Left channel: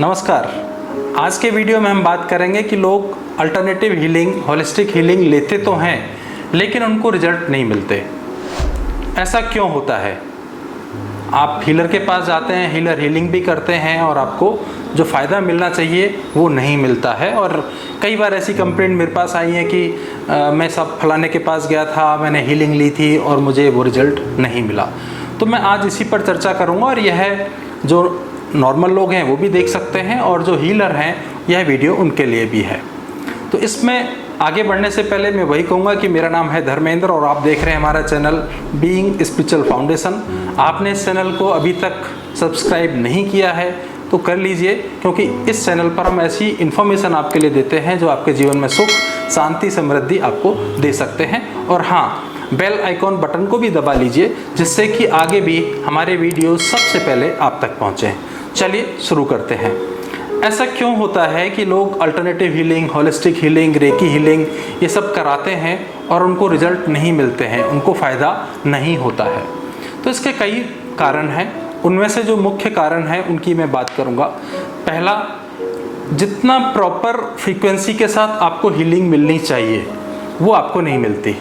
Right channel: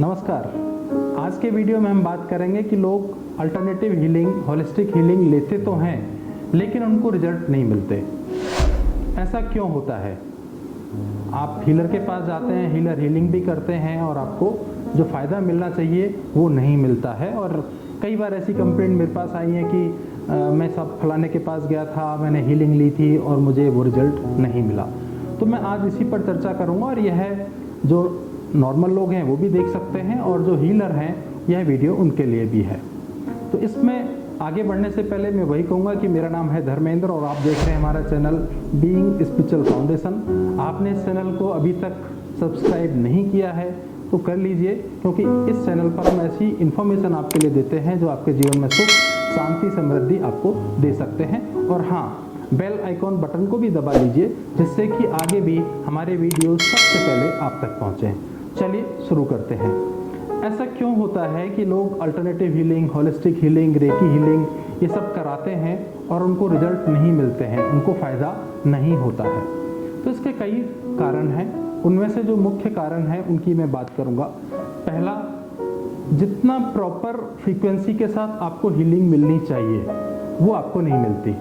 नमस्कार। आज के वीडियो में हम बात करेंगे कि लोग अल्टरनेटिव हीलिंग, होलिस्टिक हीलिंग लेते तो हैं लेकिन उनको रिजल्ट नहीं मिलते। ऐसा क्यों होता है? आप हीलर के पास जाते हैं, हीलर हीलिंग भी करते हैं और आपको जो फ़ायदा मिलना चाहिए वो नहीं मिलता है। और कई बार ऐसी कंप्लेंट मेरे पास आई है कि मैं सब फलाने के पास गया था, मैंने हीलिंग ली थी और मुझे वो रिजल्ट नहीं मिला। तो मैं आज इसी पर चर्चा करूँगा और यह जो नॉर्मल लोग हैं वो भी देख सकते हैं और जो हीलर हैं यह वीडियो उनके लिए भी है। तो इसमें आगे बढ़ने से पहले मैं वही कहूँगा कि मेरा नाम है धर्मेंद्र और आप देख रहे हैं हमारा चैनल बीइंग स्पिरिचुअल फाउंडेशन। आपने इस चैनल को अभी तक सब्सक्राइब नहीं किया है तो कर लीजिए, क्योंकि इस चैनल पर हम ऐसी इन्फॉर्मेशन आपके लिए देते हैं जो आपके जीवन में सुख, शांति, समृद्धि आपको दे सकते हैं। और हाँ, बेल आइकॉन बटन को भी दबा लीजिए जिससे कि आगे भी हमारे वीडियो सबसे पहले आप तक पहुँचें। चलिए शुरू करते हैं। ऐसा क्यों होता है कि लोग alternative healing, holistic healing, recce healing ये सब कराते हैं और उनको रिजल्ट नहीं मिलते हैं, उनको फ़ायदा नहीं होता है? तो इसके कई कारण हैं। उनमें से जो मुख्य कारण हैं उनकी मैं बात करूँगा। पहला, जितना प्रॉपर फ्रीक्वेंसी के साथ आपको हीलिंग मिलनी चाहिए वो आपको नहीं मिलती।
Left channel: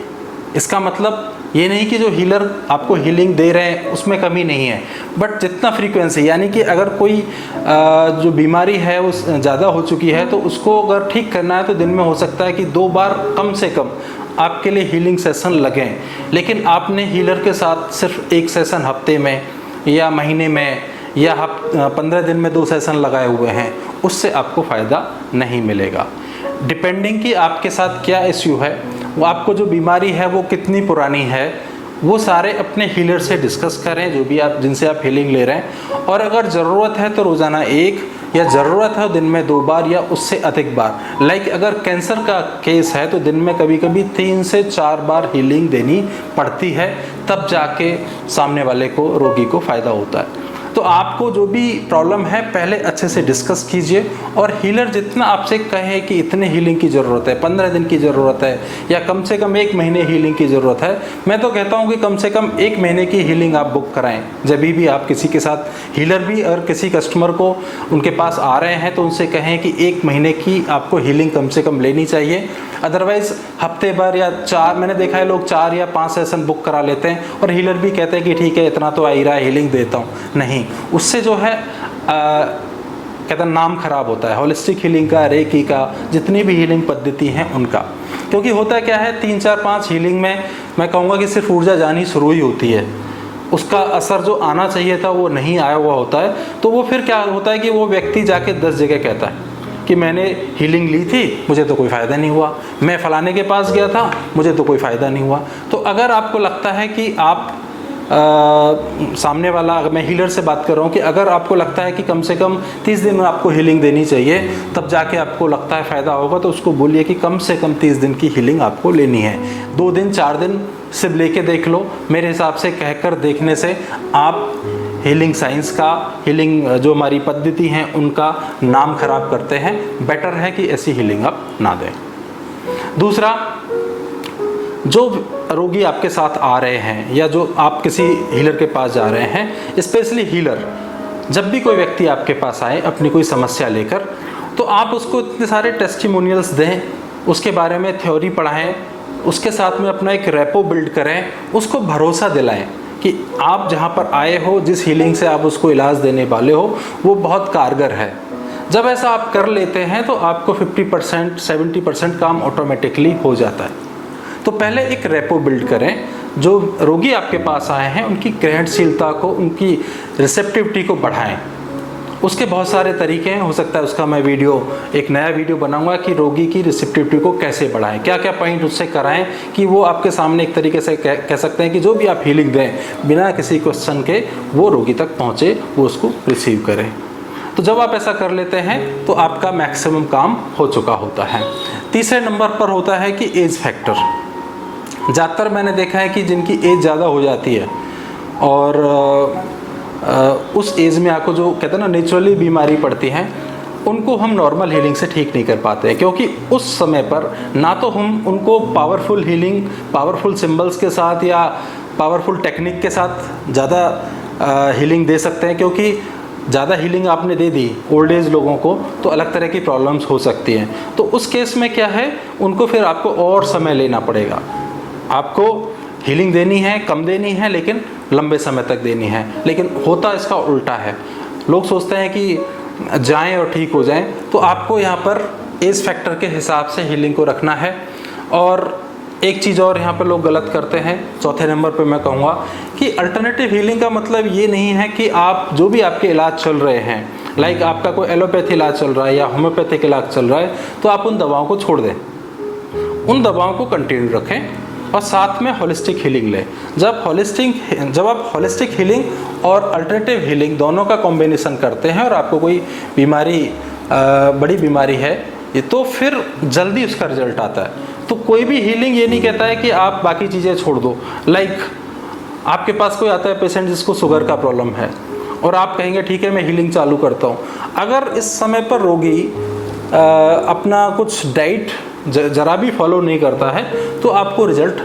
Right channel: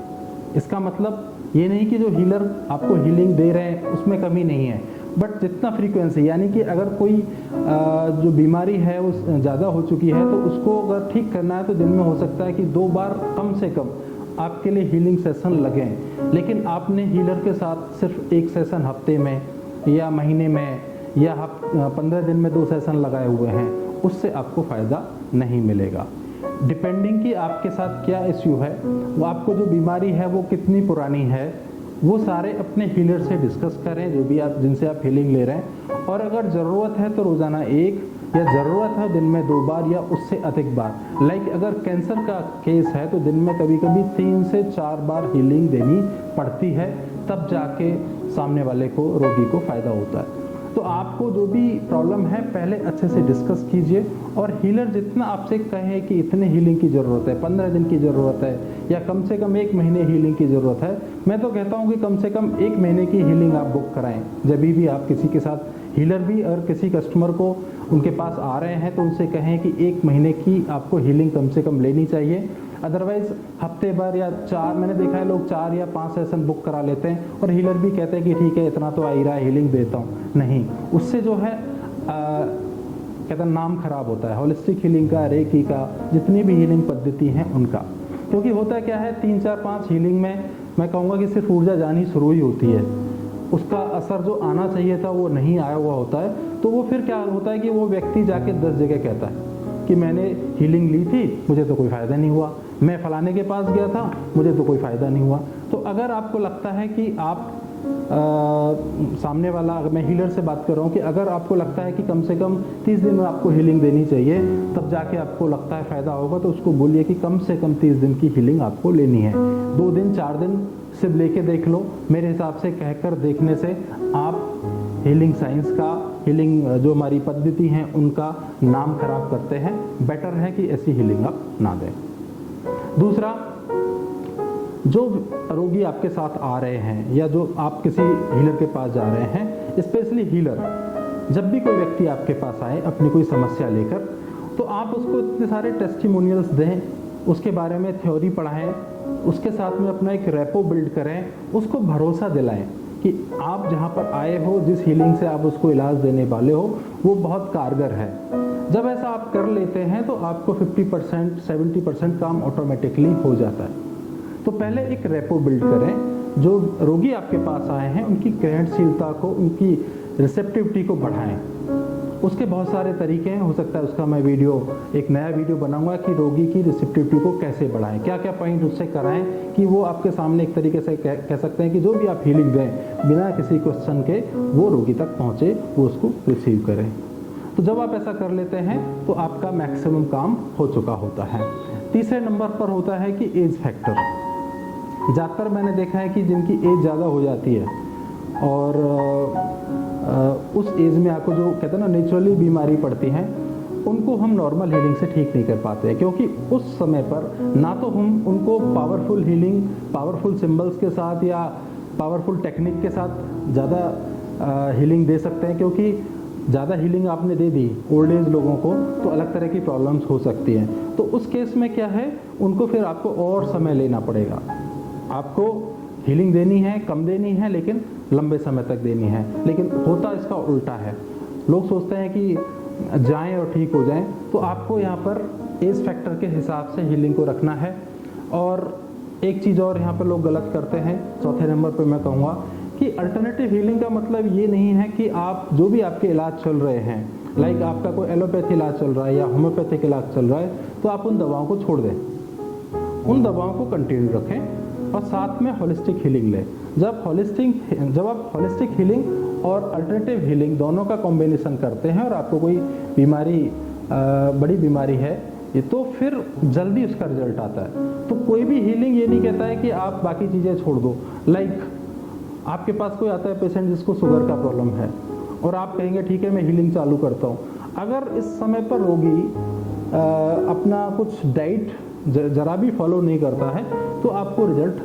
इसका मतलब ये नहीं कि जो हीलर आपको हीलिंग दे रहे हैं उसमें कमी नहीं है, बट जितना फ्रीक्वेंसी, यानी कि अगर कोई जो बीमारी है वो ज़्यादा हो चुकी है तो उसको अगर ठीक करना है तो दिन में हो सकता है कि 2 बार कम से कम आपके लिए हीलिंग सेशन लगें। लेकिन आपने हीलर के साथ सिर्फ 1 सेशन हफ्ते में या महीने में या 15 दिन में 2 सेशन लगाए हुए हैं, उससे आपको फ़ायदा नहीं मिलेगा। डिपेंडिंग कि आपके साथ क्या इश्यू है, वो आपको जो बीमारी है वो कितनी पुरानी है, वो सारे अपने हीलर से डिस्कस करें, जो भी आप जिनसे आप हीलिंग ले रहे हैं। और अगर ज़रूरत है तो रोज़ाना 1 या ज़रूरत है दिन में 2 बार या उससे अधिक बार। लाइक अगर कैंसर का केस है तो दिन में कभी कभी 3 से 4 बार हीलिंग देनी पड़ती है, तब जाके सामने वाले को, रोगी को फ़ायदा होता है। तो आपको जो भी प्रॉब्लम है पहले अच्छे से डिस्कस कीजिए और हीलर जितना आपसे कहे कि इतने हीलिंग की ज़रूरत है, 15 दिन की ज़रूरत है या कम से कम 1 महीने हीलिंग की ज़रूरत है, मैं तो कहता हूँ कि कम से कम 1 महीने की हीलिंग आप बुक कराएं। जब भी आप किसी के साथ, हीलर भी अगर किसी कस्टमर को उनके पास आ रहे हैं तो उनसे कहें कि 1 महीने की आपको हीलिंग कम से कम लेनी चाहिए। अदरवाइज़ हफ्ते भर या 4, मैंने देखा है लोग 4 या 5 सेशन बुक करा लेते हैं और हीलर भी कहते हैं कि ठीक है इतना तो आ ही रहा है, हीलिंग देता हूँ। नहीं, उससे जो है कहते हैं नाम खराब होता है, होलिस्टिक हीलिंग का, रेकी का, जितनी भी हीलिंग पद्धति हैं उनका। क्योंकि होता क्या है, 3, 4, 5 हीलिंग में मैं कहूँगा कि सिर्फ ऊर्जा जानी शुरू ही होती है, उसका असर जो आना चाहिए था वो नहीं आया हुआ होता है। तो वो फिर क्या होता है कि वो व्यक्ति जाके 10 जगह कहता है कि मैंने हीलिंग ली थी, मुझे तो कोई फ़ायदा नहीं हुआ, मैं फलाने के पास गया था, मुझे तो कोई फ़ायदा नहीं हुआ। तो अगर आपको लगता है कि आप सामने वाला, अगर मैं हीलर से बात कर रहा हूँ, कि अगर आपको लगता है कि कम से कम 30 दिन में आपको हीलिंग देनी चाहिए तब जाके आपको लगता है फ़ायदा होगा, तो उसको बोलिए कि कम से कम 30 दिन की हीलिंग आपको लेनी है। 2 दिन 4 दिन सिर्फ लेके देख लो। मेरे हिसाब से कहकर देखने से आप हीलिंग साइंस का, हीलिंग जो हमारी पद्धति हैं उनका नाम खराब करते हैं। बेटर है कि ऐसी हीलिंग आप ना दें। दूसरा, जो रोगी आपके साथ आ रहे हैं या जो आप किसी हीलर के पास जा रहे हैं, स्पेशली हीलर, जब भी कोई व्यक्ति आपके पास आए अपनी कोई समस्या लेकर, तो आप उसको इतने सारे टेस्टिमोनियल्स दें, उसके बारे में थ्योरी पढ़ाएं, उसके साथ में अपना एक रेपो बिल्ड करें, उसको भरोसा दिलाएं कि आप जहाँ पर आए हो, जिस हीलिंग से आप उसको इलाज देने वाले हो वो बहुत कारगर है। जब ऐसा आप कर लेते हैं तो आपको 50%, 70% काम ऑटोमेटिकली हो जाता है। तो पहले एक रेपो बिल्ड करें। जो रोगी आपके पास आए हैं उनकी ग्रहणशीलता को, उनकी रिसेप्टिविटी को बढ़ाएं। उसके बहुत सारे तरीके हैं, हो सकता है उसका मैं एक नया वीडियो बनाऊंगा कि रोगी की रिसेप्टिविटी को कैसे बढ़ाएं, क्या क्या पॉइंट उससे कराएं कि वो आपके सामने एक तरीके से कह सकते हैं कि जो भी आप हीलिंग दें बिना किसी क्वेश्चन के वो रोगी तक पहुँचे, वो उसको रिसीव करें। तो जब आप ऐसा कर लेते हैं तो आपका मैक्सिमम काम हो चुका होता है। तीसरे नंबर पर होता है कि एज फैक्टर। ज़्यादातर मैंने देखा है कि जिनकी एज ज़्यादा हो जाती है और उस एज में आपको जो कहते हैं ना नेचुरली बीमारी पड़ती है, उनको हम नॉर्मल हीलिंग से ठीक नहीं कर पाते हैं। क्योंकि उस समय पर ना तो हम उनको पावरफुल हीलिंग, पावरफुल सिंबल्स के साथ या पावरफुल टेक्निक के साथ ज़्यादा हीलिंग दे सकते हैं, क्योंकि ज़्यादा हीलिंग आपने दे दी ओल्ड एज लोगों को तो अलग तरह की प्रॉब्लम्स हो सकती हैं। तो उस केस में क्या है, उनको फिर आपको और समय लेना पड़ेगा। आपको हीलिंग देनी है, कम देनी है, लेकिन लंबे समय तक देनी है। लेकिन होता इसका उल्टा है। लोग सोचते हैं कि जाएं और ठीक हो जाएं, तो आपको यहाँ पर एज फैक्टर के हिसाब से हीलिंग को रखना है। और एक चीज़ और यहाँ पर लोग गलत करते हैं, चौथे नंबर पे मैं कहूँगा कि अल्टरनेटिव हीलिंग का मतलब ये नहीं है कि आप जो भी आपके इलाज चल रहे हैं, लाइक आपका कोई एलोपैथी इलाज चल रहा है या होम्योपैथिक इलाज चल रहा है, तो आप उन दवाओं को छोड़ दें, उन दवाओं को कंटिन्यू रखें और साथ में होलिस्टिक हीलिंग लें। जब आप होलिस्टिक हीलिंग और अल्टरनेटिव हीलिंग दोनों का कॉम्बिनेशन करते हैं और आपको कोई बीमारी बड़ी बीमारी है ये, तो फिर जल्दी उसका रिजल्ट आता है। तो कोई भी हीलिंग ये नहीं कहता है कि आप बाकी चीज़ें छोड़ दो। लाइक आपके पास कोई आता है पेशेंट जिसको शुगर का प्रॉब्लम है और आप कहेंगे ठीक है मैं हीलिंग चालू करता हूँ। अगर इस समय पर रोगी अपना कुछ डाइट जरा भी फॉलो नहीं करता है तो आपको रिजल्ट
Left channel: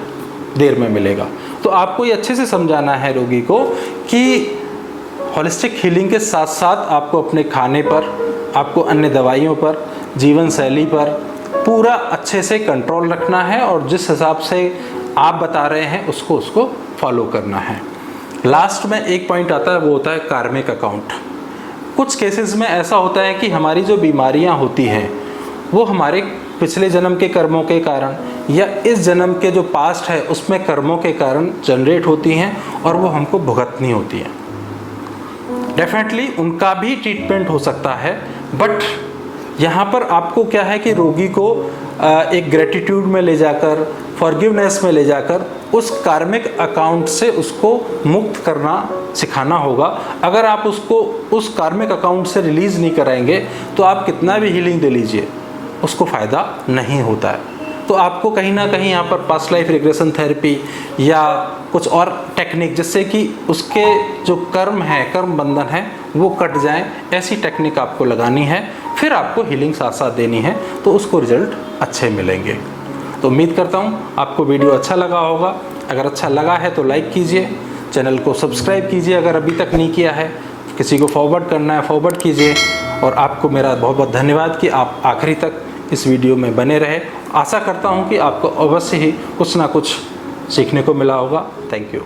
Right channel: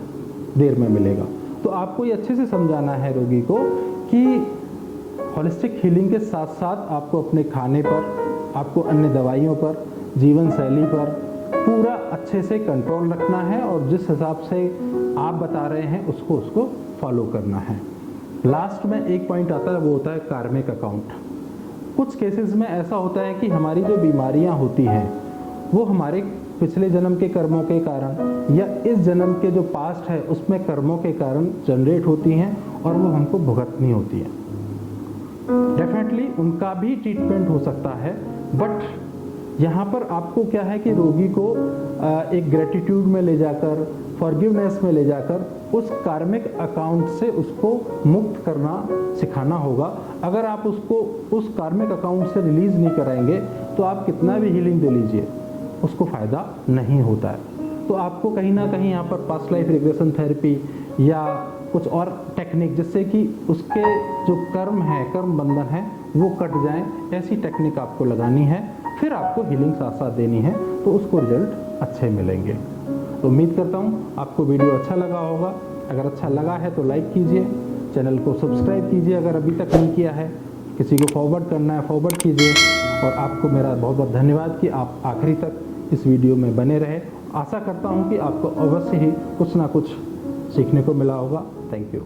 देर में मिलेगा। तो आपको ये अच्छे से समझाना है रोगी को कि होलिस्टिक हीलिंग के साथ साथ आपको अपने खाने पर, आपको अन्य दवाइयों पर, जीवन शैली पर पूरा अच्छे से कंट्रोल रखना है और जिस हिसाब से आप बता रहे हैं उसको फॉलो करना है। लास्ट में एक पॉइंट आता है, वो होता है कार्मिक अकाउंट। कुछ केसेस में ऐसा होता है कि हमारी जो बीमारियां होती हैं वो हमारे पिछले जन्म के कर्मों के कारण या इस जन्म के जो पास्ट है उसमें कर्मों के कारण जनरेट होती हैं और वो हमको भुगतनी होती हैं। डेफिनेटली उनका भी ट्रीटमेंट हो सकता है, बट यहाँ पर आपको क्या है कि रोगी को एक ग्रेटिट्यूड में ले जाकर, फॉरगिवनेस में ले जाकर उस कार्मिक अकाउंट से उसको मुक्त करना सिखाना होगा। अगर आप उसको उस कार्मिक अकाउंट से रिलीज़ नहीं कराएंगे तो आप कितना भी हीलिंग दे लीजिए उसको फ़ायदा नहीं होता है। तो आपको कहीं ना कहीं यहाँ पर पास्ट लाइफ रिग्रेशन थेरेपी या कुछ और टेक्निक जिससे कि उसके जो कर्म है, कर्म बंधन है वो कट जाएं, ऐसी टेक्निक आपको लगानी है। फिर आपको हीलिंग साथ साथ देनी है तो उसको रिजल्ट अच्छे मिलेंगे। तो उम्मीद करता हूँ आपको वीडियो अच्छा लगा होगा। अगर अच्छा लगा है तो लाइक कीजिए, चैनल को सब्सक्राइब कीजिए अगर अभी तक नहीं किया है, किसी को फॉरवर्ड करना है फॉरवर्ड कीजिए। और आपको मेरा बहुत बहुत धन्यवाद कि आप आखिरी तक इस वीडियो में बने रहे। आशा करता हूँ कि आपको अवश्य ही कुछ ना कुछ सीखने को मिला होगा। Thank you.